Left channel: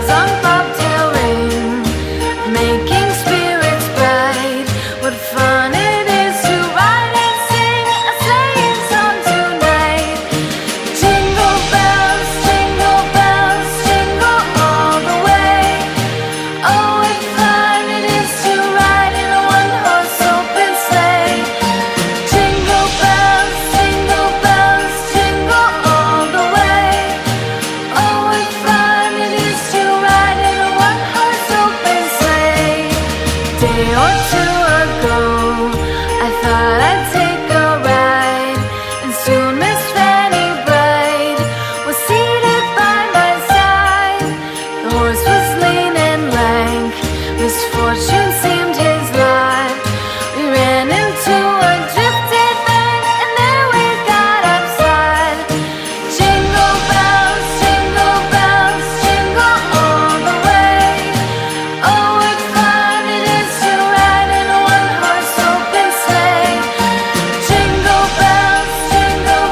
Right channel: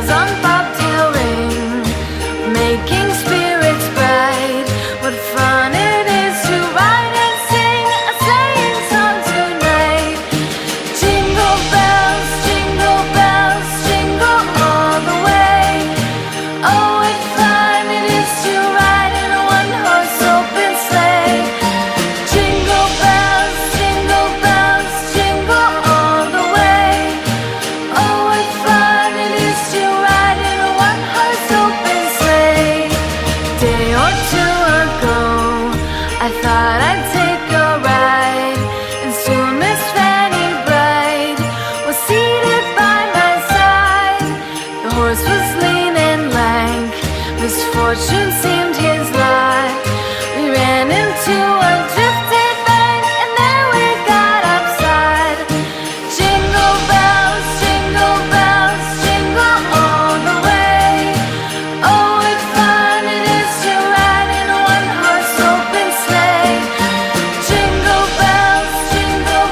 bells on bobtail ring, making spirits bright. What fun it is to ride and sing a sleighing song tonight. Jingle bells, jingle all the way. Oh, what fun it is to ride in a one-horse open sleigh. Jingle bells, jingle all the way. Oh, what fun it is to ride in a one-horse open sleigh. Day or two ago, I thought I'd take a ride, and soon Miss Fanny Bright was seated by my side. The horse was lean and lank, misfortune seemed his lot. We ran into a drifted bank, and there we got upside. Jingle bells, jingle all the way. Oh, what fun it is to ride in a one-horse open sleigh. Jingle bells, jingle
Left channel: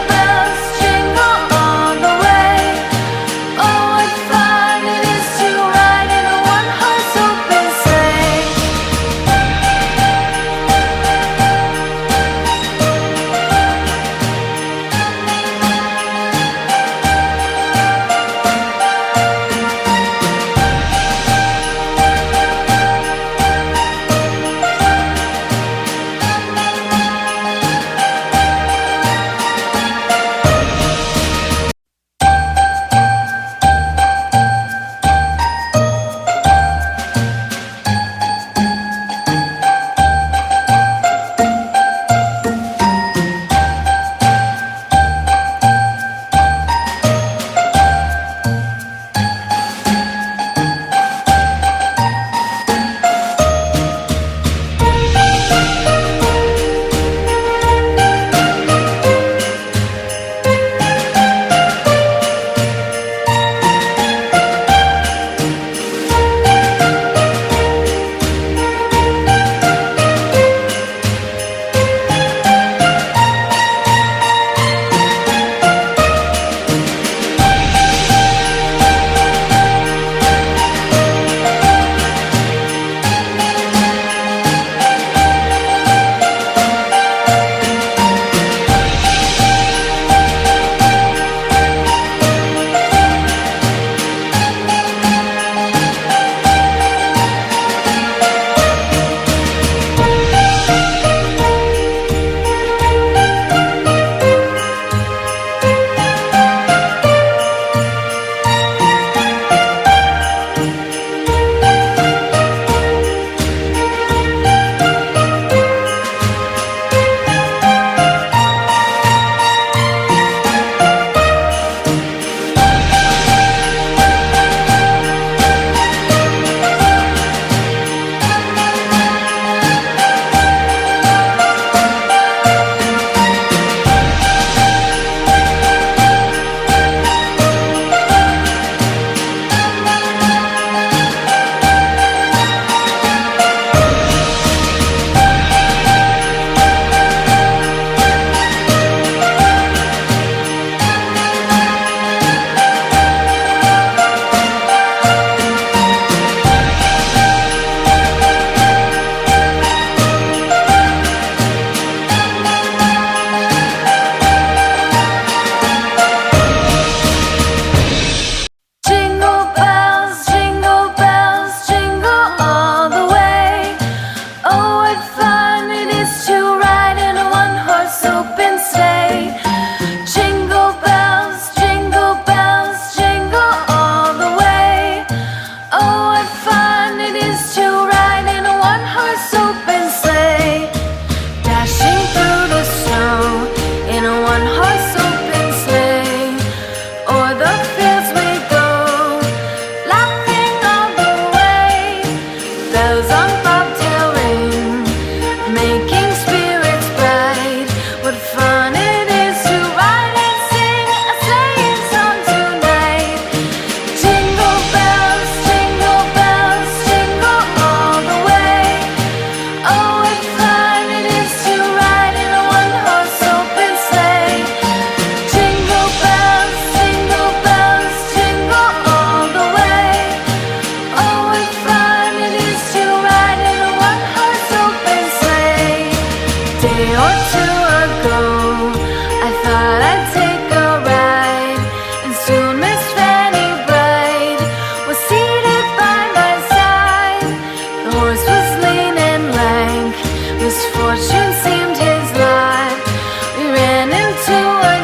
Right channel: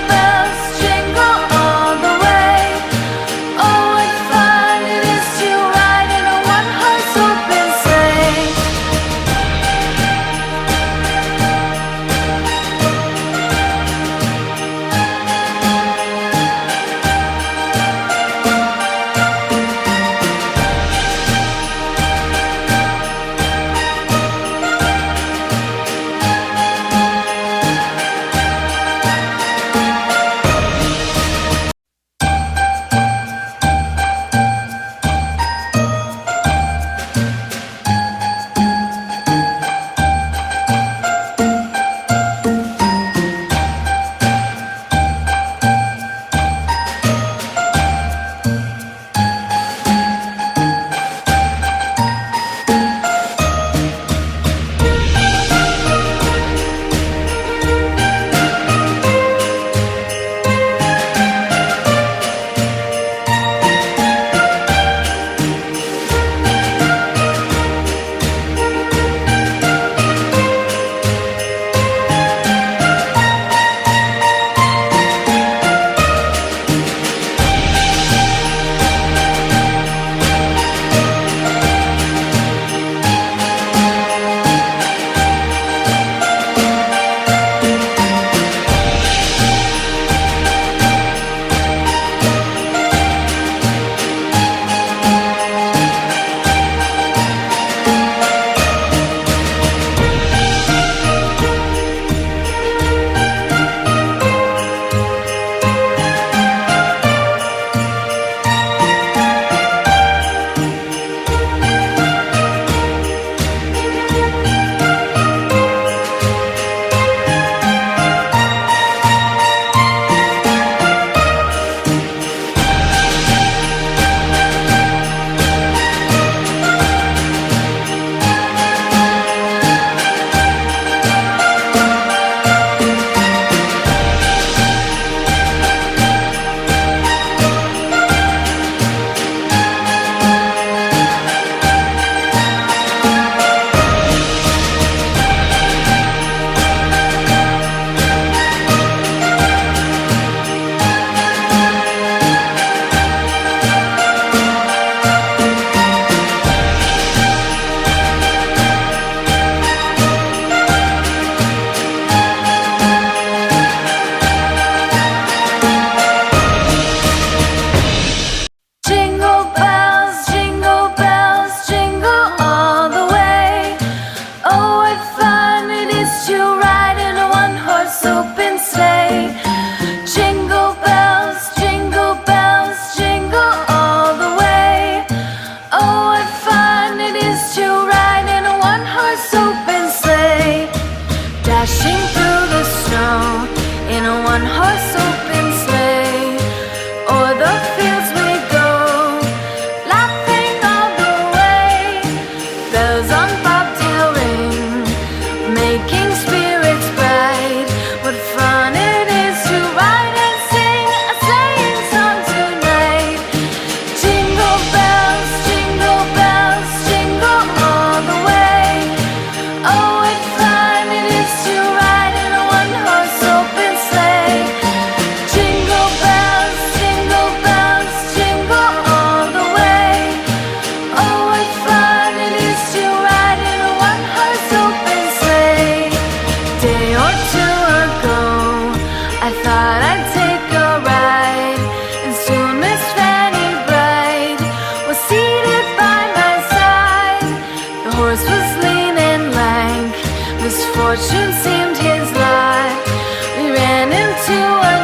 all the way. Oh, what fun it is to ride in a one-horse open sleigh. Dashing through the snow in a one-horse open sleigh. O'er the fields we go, laughing all the way. Bells on bobtail ring, making spirits bright. What fun it is to ride and sing a sleighing song tonight. Jingle bells, jingle all the way. Oh, what fun it is to ride in a one-horse open sleigh. Jingle bells, horse was lean and lank, misfortune seemed his lot. We ran into a